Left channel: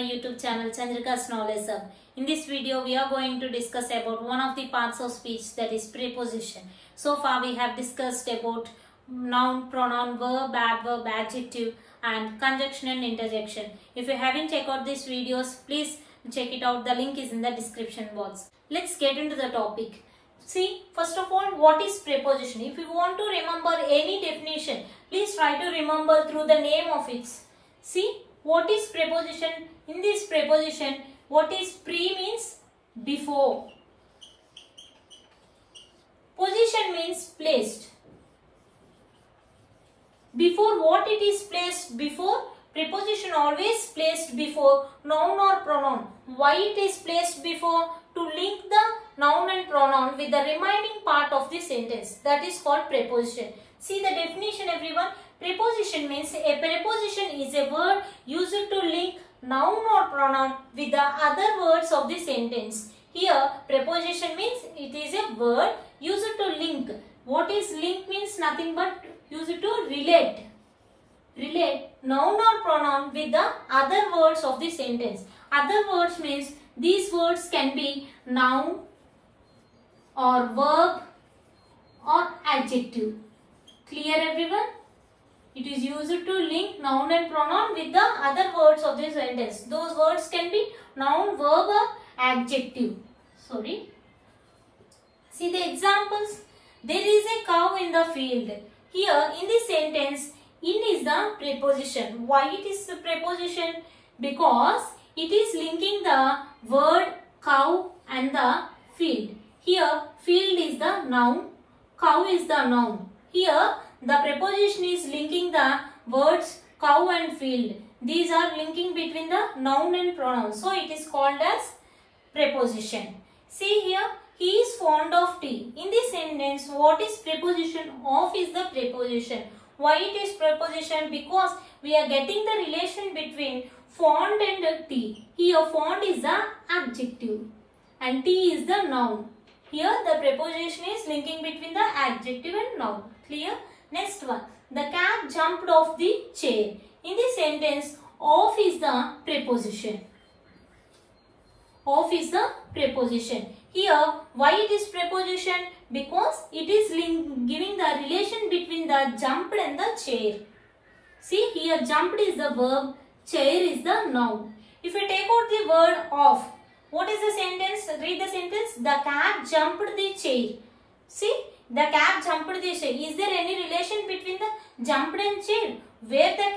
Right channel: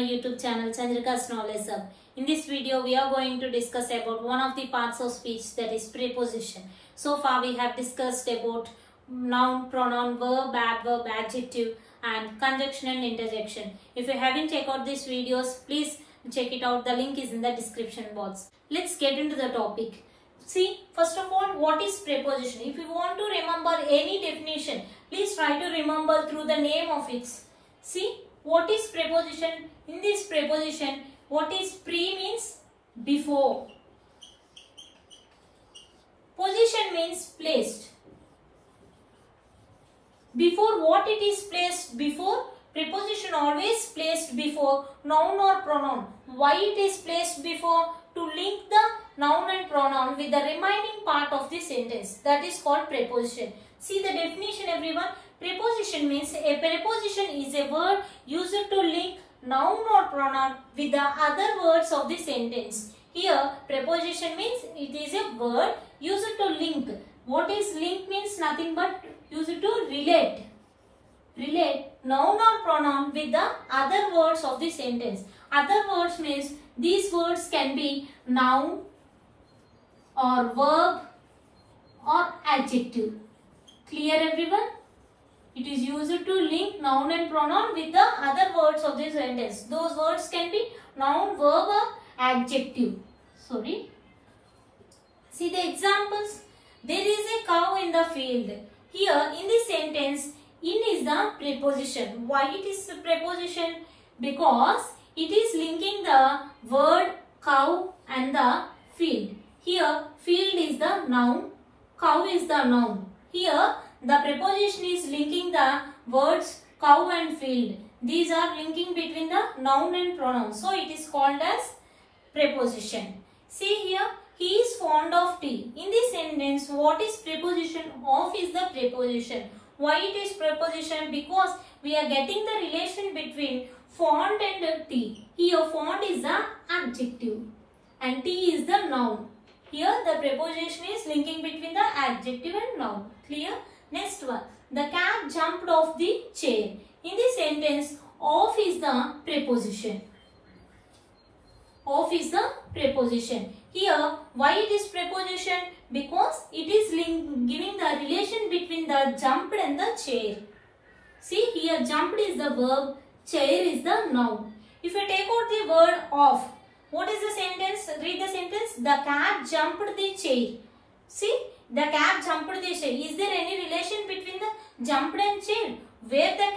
my YouTube channel Chandrika's Knowledge Hub. In this video, we are going to discuss about one of the parts of speech, that is preposition. So far, we have discussed about noun, pronoun, verb, adverb, adjective, and conjunction and interjection. If you haven't checked out these videos, please check it out. The link is in the description box. Let's get into the topic. See, first of all, what is preposition? If you want to remember any definition, please try to remember through the name of it. See, what is preposition? In this preposition, what is pre means before. Position means placed. Before what it is placed before? Preposition always placed before noun or pronoun. Why it is placed before? To link the noun and pronoun with the remaining part of the sentence. That is called preposition. See the definition, everyone. Preposition means a preposition is a word used to link noun or pronoun with the other words of the sentence. Here, preposition means it is a word used to link. What is link means? Nothing but used to relate. Relate noun or pronoun with the other words of the sentence. Other words means these words can be noun or verb or adjective. Clear, everyone? It is used to link noun and pronoun with the other words of the sentence. Those words can be noun, verb or adjective. Sorry. See the examples. There is a cow in the field. Here in this sentence, in is the preposition. Why it is the preposition? Because it is linking the word cow and the field. Here field is the noun, cow is the noun. Here the preposition is linking the words cow and field. These are linking between the noun and pronoun. So it is called as preposition. See here, he is fond of tea. In this sentence, what is preposition? Of is the preposition. Why it is preposition? Because we are getting the relation between fond and tea. Here fond is the adjective and tea is the noun. Here the preposition is linking between the adjective and noun. Clear? Next one. The cat jumped off the chair. In this sentence, off is the preposition. Off is the preposition. Here, why it is preposition? Because it is giving the relation between the jumped and the chair. See, here jumped is the verb, chair is the noun. If you take out the word off, what is the sentence? Read the sentence. The cat jumped the chair. See, the cat jumped the chair. Is there any relation between the jumped and chair? Where the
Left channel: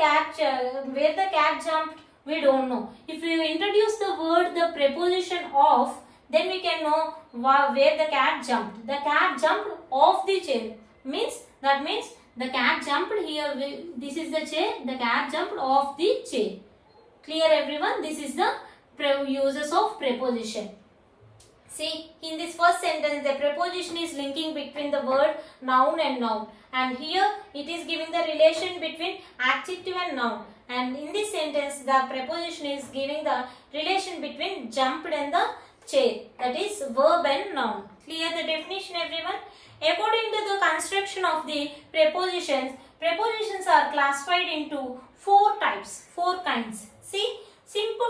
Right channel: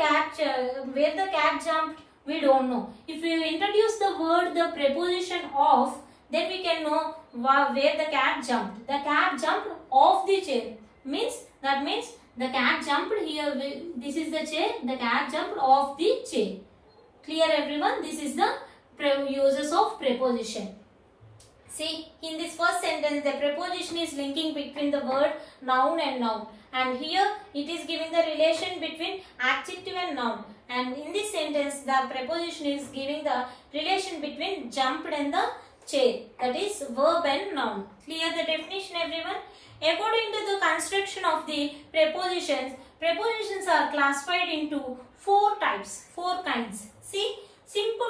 cat jumped, we don't know. If you introduce the word, the preposition of, then we can know where the cat jumped. The cat jumped off the chair. That means the cat jumped here. This is the chair. The cat jumped off the chair. Clear, everyone? This is the uses of preposition. See, in this first sentence, the preposition is linking between the word noun and noun. And here, it is giving the relation between adjective and noun. And in this sentence, the preposition is giving the relation between jumped and the chair. That is verb and noun. Clear the definition, everyone? According to the construction of the prepositions, prepositions are classified into four types, four kinds. See,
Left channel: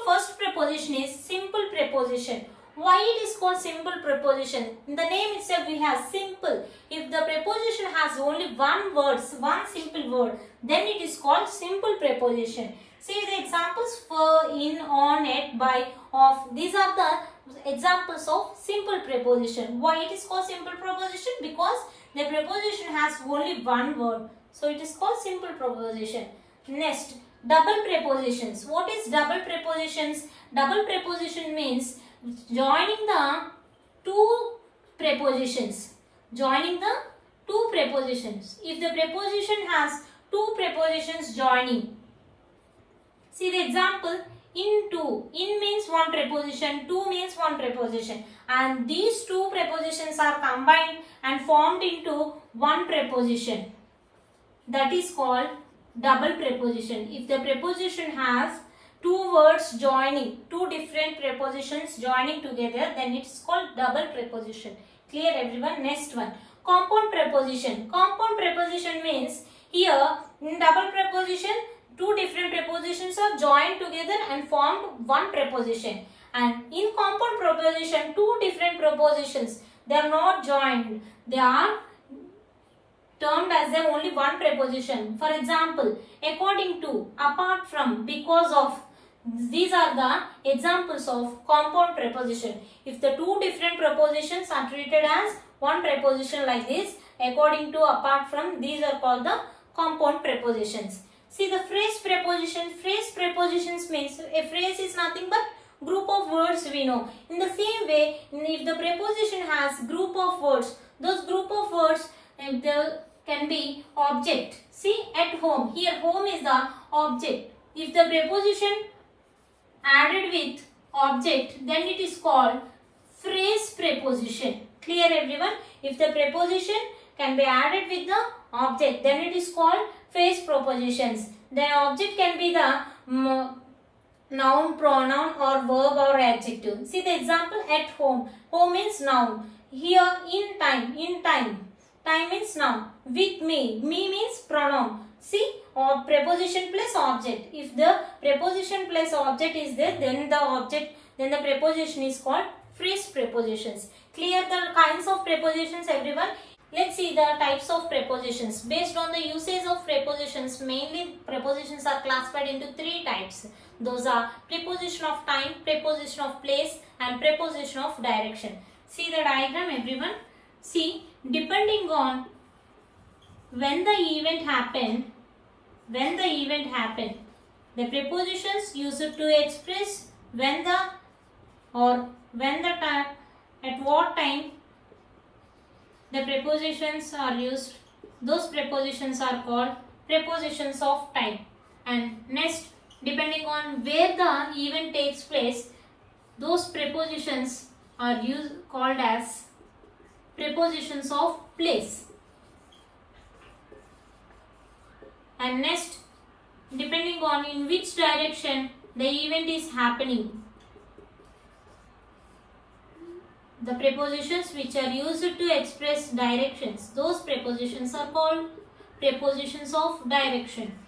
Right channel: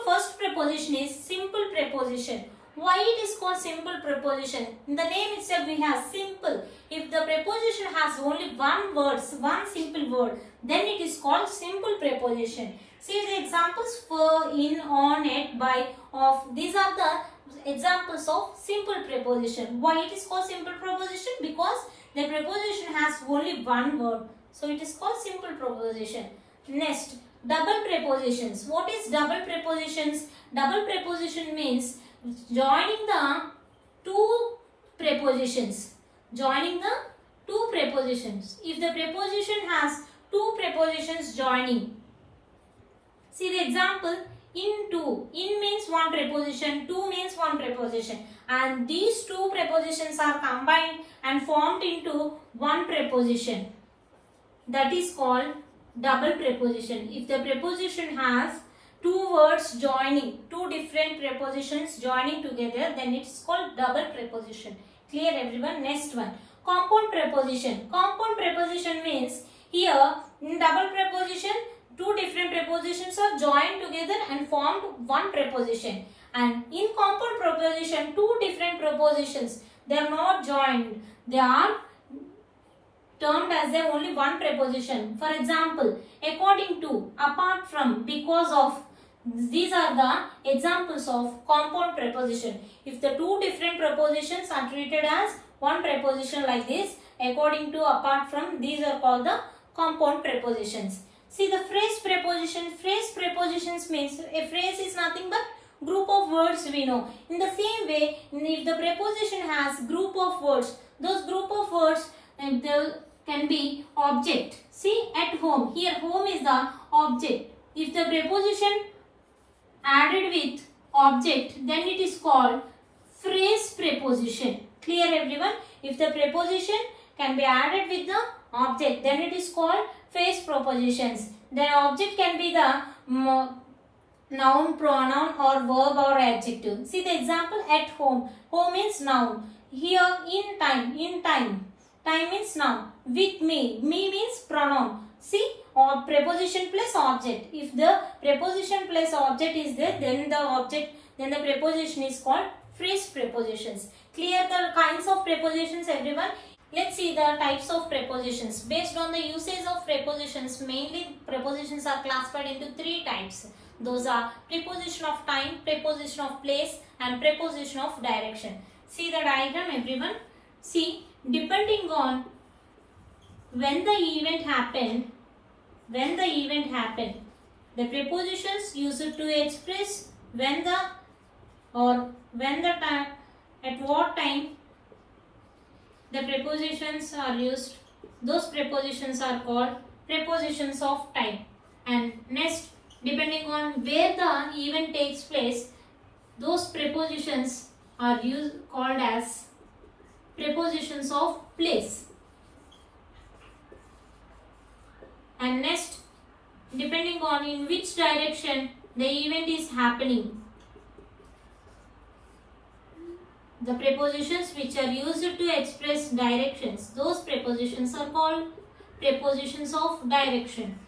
first preposition is simple preposition. Why it is called simple preposition? In the name itself we have simple. If the preposition has only one simple word, then it is called simple preposition. See the examples for, in, on, at, by, of. These are the examples of simple preposition. Why it is called simple preposition? Because the preposition has only one word. So it is called simple preposition. Next, double prepositions. What is double prepositions? Double preposition means joining the two prepositions. Joining the two prepositions. If the preposition has two prepositions joining. See the example. In two. In means one preposition. To means one preposition. And these two prepositions are combined and formed into one preposition. That is called double preposition. If the preposition has two words joining, two different prepositions joining together, then it is called double preposition. Clear, everyone? Next one. Compound preposition. Compound preposition means here in double preposition two different prepositions are joined together and formed one preposition. And in compound preposition, two different prepositions, they are not joined. They are termed as the only one preposition. For example, according to, apart from, because of. These are the examples of compound preposition. If the two different prepositions are treated as one preposition like this, according to, apart from, these are called the compound prepositions. See the phrase preposition. Phrase prepositions means a phrase is nothing but group of words we know. In the same way, if the preposition has group of words, those group of words can be object. See at home. Here home is the object. If the preposition added with object, then it is called phrase preposition. Clear everyone? If the preposition can be added with the object, then it is called phrase prepositions. The object can be the noun, pronoun or verb or adjective. See the example at home. Home means noun. Here in time. Time means noun. With me. Me means pronoun. See, or preposition plus object. If the preposition plus object is there, then the preposition is called phrase prepositions. Clear the kinds of prepositions everyone? Let's see the types of prepositions. Based on the usage of prepositions, mainly prepositions are classified into three types. Those are preposition of time, preposition of place and preposition of direction. See the diagram everyone. See, depending on when the event happened, the prepositions used to express when the time, at what time the prepositions are used. Those prepositions are called prepositions of time. And next, depending on where the event takes place, those prepositions are called as prepositions of place. And next, depending on in which direction the event is happening, the prepositions which are used to express directions, those prepositions are called prepositions of direction.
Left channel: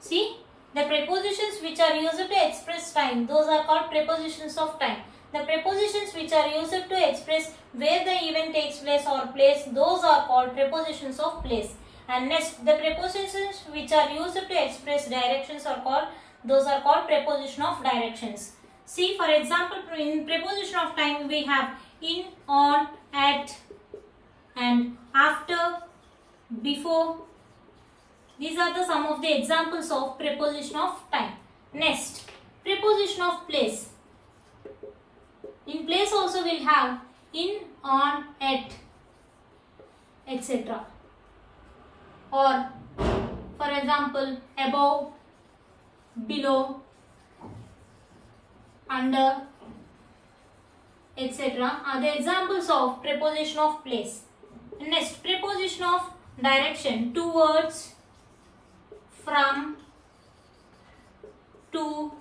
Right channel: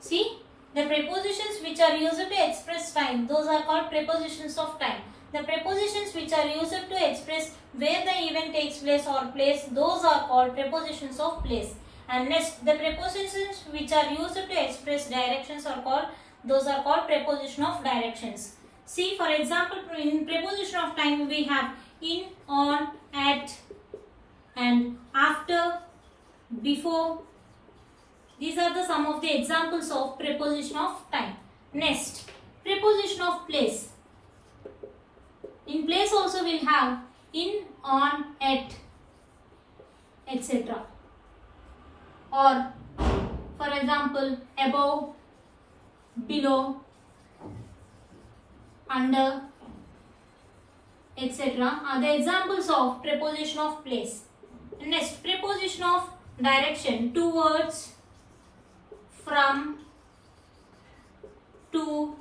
See, the prepositions which are used to express time, those are called prepositions of time. The prepositions which are used to express where the event takes place or place, those are called prepositions of place. And next, the prepositions which are used to express directions are called, those are called preposition of directions. See, for example, in preposition of time we have in, on, at and after, before. These are the some of the examples of preposition of time. Next, preposition of place. In place also we'll have in, on, at, etc. Or for example, above, below, under, etc. are the examples of preposition of place. Next, preposition of direction. Towards, from, to,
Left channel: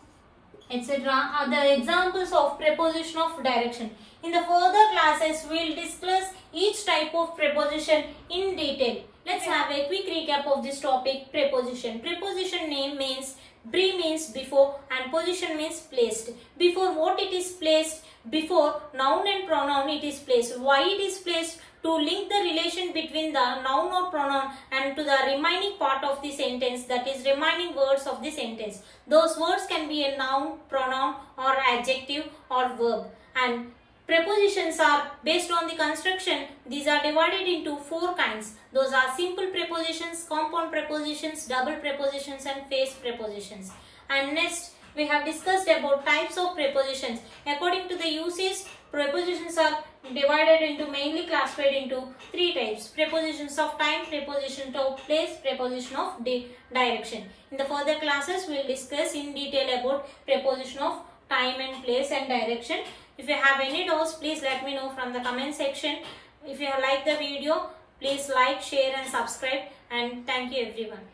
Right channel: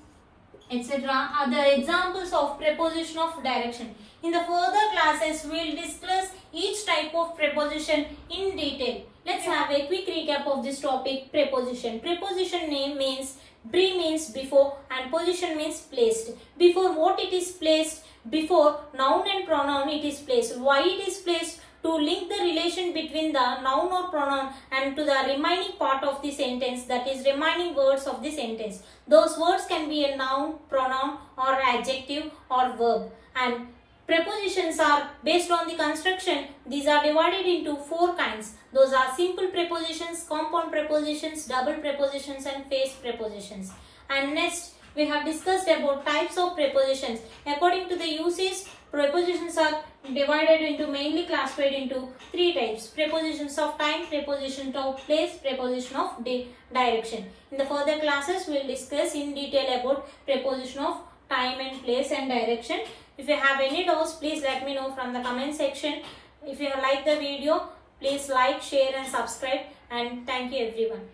etc. are the examples of preposition of direction. In the further classes, we will discuss each type of preposition in detail. Let's have a quick recap of this topic, preposition. Preposition name means, pre means before and position means placed. Before what it is placed? Before noun and pronoun it is placed. Why it is placed? To link the relation between the noun or pronoun and to the remaining part of the sentence, that is remaining words of the sentence. Those words can be a noun, pronoun or adjective or verb. And prepositions are based on the construction. These are divided into four kinds. Those are simple prepositions, compound prepositions, double prepositions and phrase prepositions. And next, we have discussed about types of prepositions. According to the usage, prepositions are divided into, mainly classified into three types. Prepositions of time, preposition of place, preposition of direction. In the further classes, we will discuss in detail about preposition of time and place and direction. If you have any doubts, please let me know from the comment section. If you have liked the video, please like, share and subscribe, and thank you everyone.